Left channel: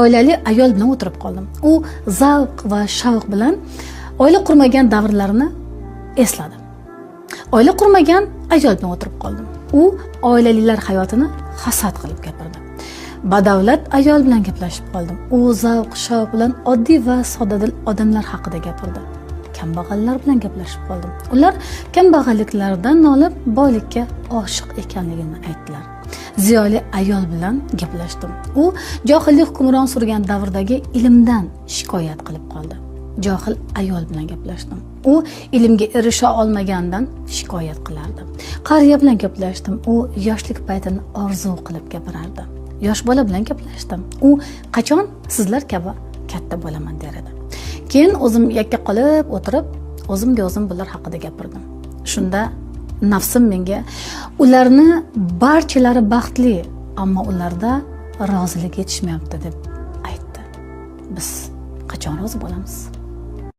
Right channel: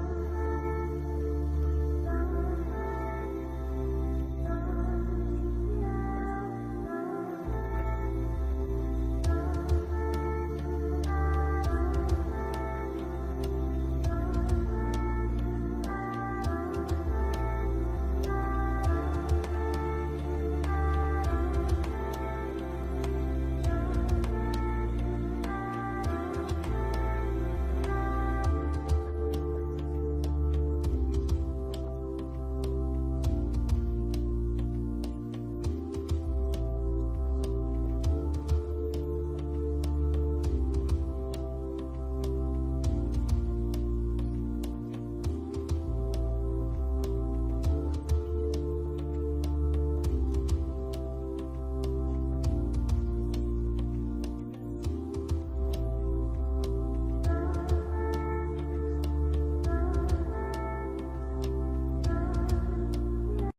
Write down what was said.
oilali ayol bilan o'tirib qoldim. U zavq va shavq bilan oila qurmagan davrlarini esladi. Oila qurmagan ayol bilan o'tirib qoldim. U oilalilar hayotini hasad qilib gapirdi. Badavlat ayol bilan gaplashib qoldim. U zavq shavq bilan oddiy va soddadil odamlar haqida gapirdi. Kambag'allar bilan gaplashib qoldim. Ular kambag'alliklaridan nolib boylikka oshiq ekanligini aytdilar. Ziyoli ayol bilan gaplashdim. U johillik hukmron surgan davrdagi ilmdan shikoyat qilib qoldi. Johil ayol bilan gaplashdim. U ilmga erisha olmagandan shikoyat qilardi. Qariya bilan gaplashdim. U yoshlik paytini orzu qilib gapirardi. Yosh bola bilan gaplashdim. U qachon sizlar kabi katta bo'laman der edi. Keyin o'zim yakka qolib o'tirib, o'zimga o'zim bular haqida gapirdim. Shunda nafsim menga ularni barchalari baxtli, ammo ularda rozilik yetishmayapti deb aytdi. Biz qachon rozi bo'lamiz?